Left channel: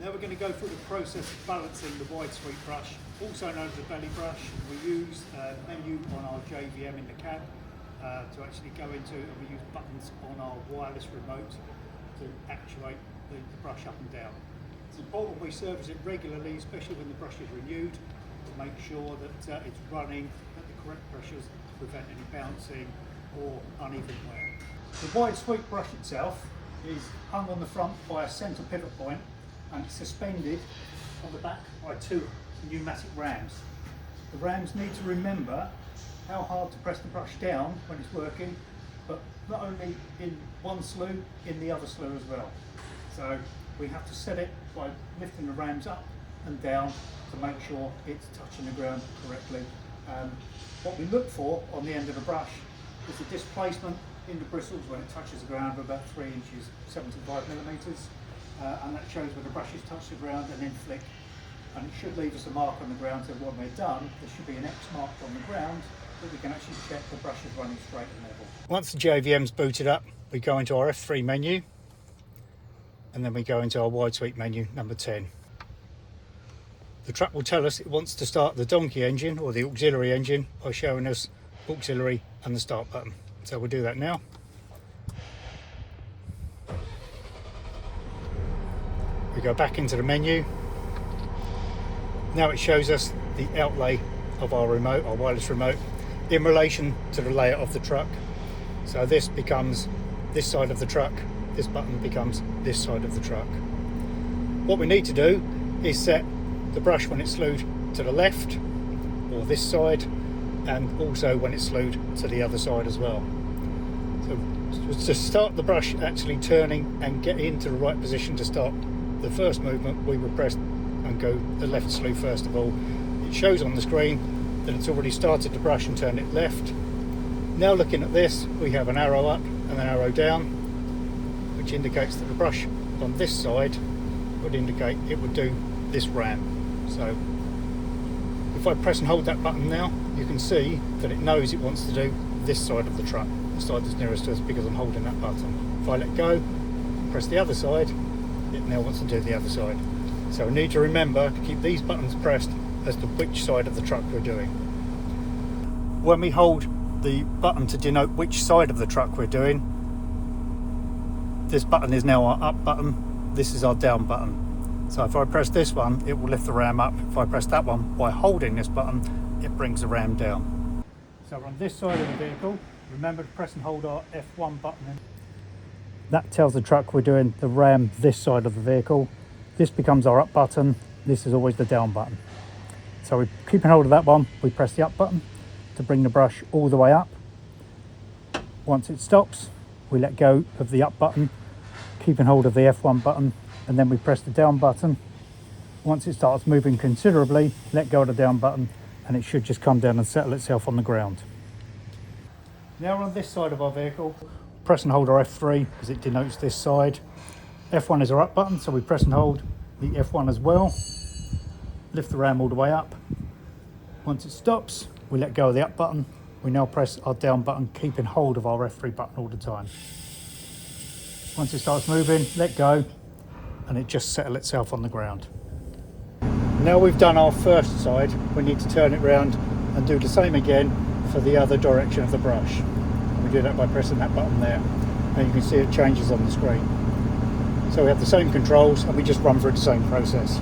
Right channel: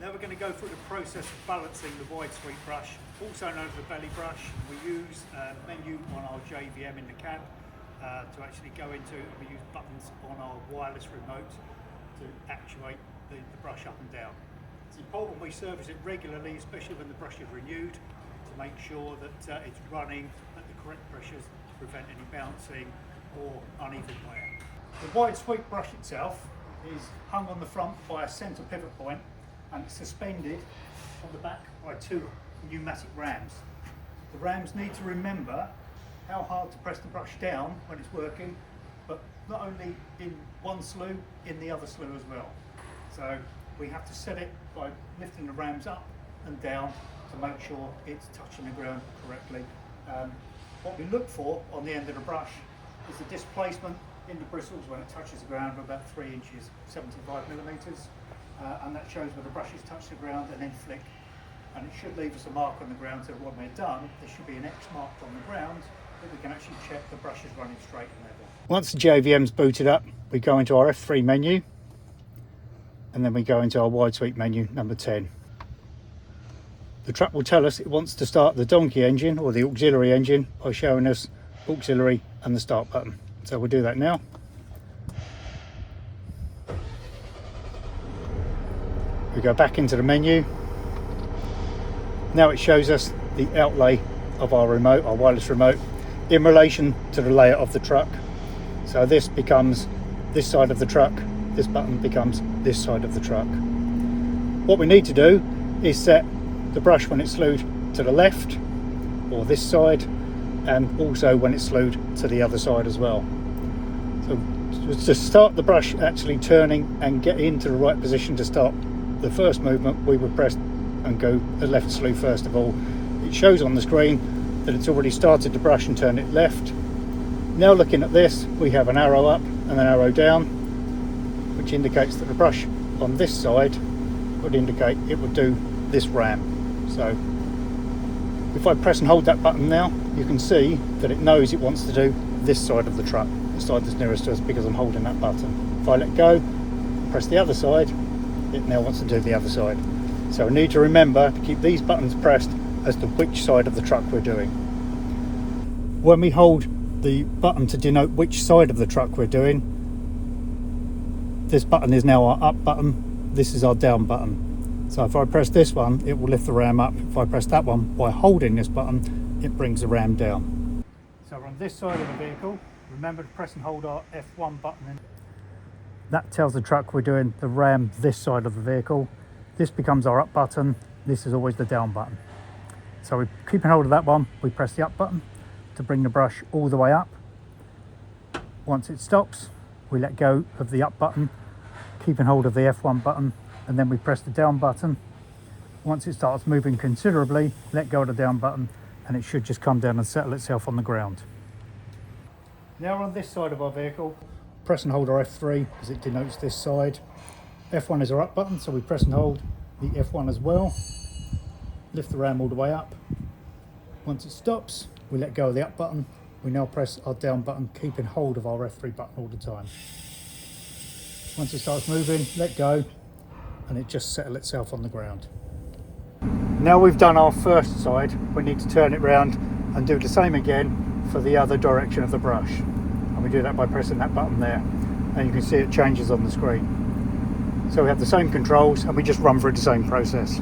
Now we're going to go through the process of balancing the wide sweep brush, also known as the belly brush. We use a menu on our JVM in the cab to actually go into, and we use buttons on our wireless remote to actuate the brush up and down. It's important we service it regularly, especially when the brush is renewed, to make sure that it's running at the correct pressures to prevent any bouncing or uneven wear. The wide sweep brush itself is hung on the front by a centre pivot point, and it's suspended on the back by two pneumatic rams. The rams need to remember how hard to press the brush down when it's working, but not only in one slew, in the other slew as well. So we have to set it by lifting the rams up and down to make sure it's touching the ground correctly. What we look for on the end of the brush is the displacement in the bristles when it touches the ground of about 3 inches, 75 millimeters. And that shows where the brushes touch the ground and then flick, and it should leave us a mark on the ground. So when we're done, there should be an X mark on the ground that we can actually check the brush is running straight and level. Once the JVM's booted up, we go into our F3 menu, and then we go into our wide sweep menu number 10. The truck will tell us it wants to start the donkey engine or the auxiliary engine by showing us auxiliary and the start button. So we'll do that now. We go back into the menu. Now it shows us the outlay of our remote, our wireless remote, in relation to the layout of the truck. So this becomes this side of the truck, this button becomes this side of the truck. What we need to do is set the brush when it's slewed to the left, or this side, and also when it's slewed to the other side as well. So to start the brush actually turning and get into the right position to start the first movement, we will press and go the left slew first of all. It shows on the screen that it's already started the brush and turned it left. Now looking at this, we have an arrow up and an arrow down, which indicates that the brush on this side would indicate it would do this ram. So if I press and hold that button now, you can see that it knows it wants to do this side of the truck, the side that's nearest to us, because I'm holding that button. If I let go, press the other side, it now wants to do the other side. So we need to remember to keep these buttons pressed as to which side of the truck we're doing. When we hold the button to denote which side of the truck we're doing, this button is now our up button, this is our down button. So if I press this one, it will lift the ram up. If I press that one by holding this button, it brings the ram down. So we're on this side of the vehicle. Remember to press and hold our F1 button. That tells the truck we're doing the ram this side of the vehicle. This becomes our up button. This is always the down button. So we keep hold of that one. We press the up button to bring the brush all the way up. Once it stops, we let go of the up button, keeping hold of the F1 button, and then we press the down button. Once it starts moving considerably, let go of the down button, and it should just come down and settle itself on the ground. Now we're on this side of our vehicle. Press and hold our F3 because it denotes this side. F1 is our up button, so we press and hold the F1 as well. Lift the ram all the way up. Once it stops, we let go of the up button. We now press our down button, keeping hold of our F3 button all the time. Once it starts moving, let go, and it just settles itself on the ground. Now we've done our first side, we need to turn it round and do the same again for the other direction of the brush. And we do that by pressing that button there. And you can see it changes on the screen. So we have the same controls and we just run through the same process.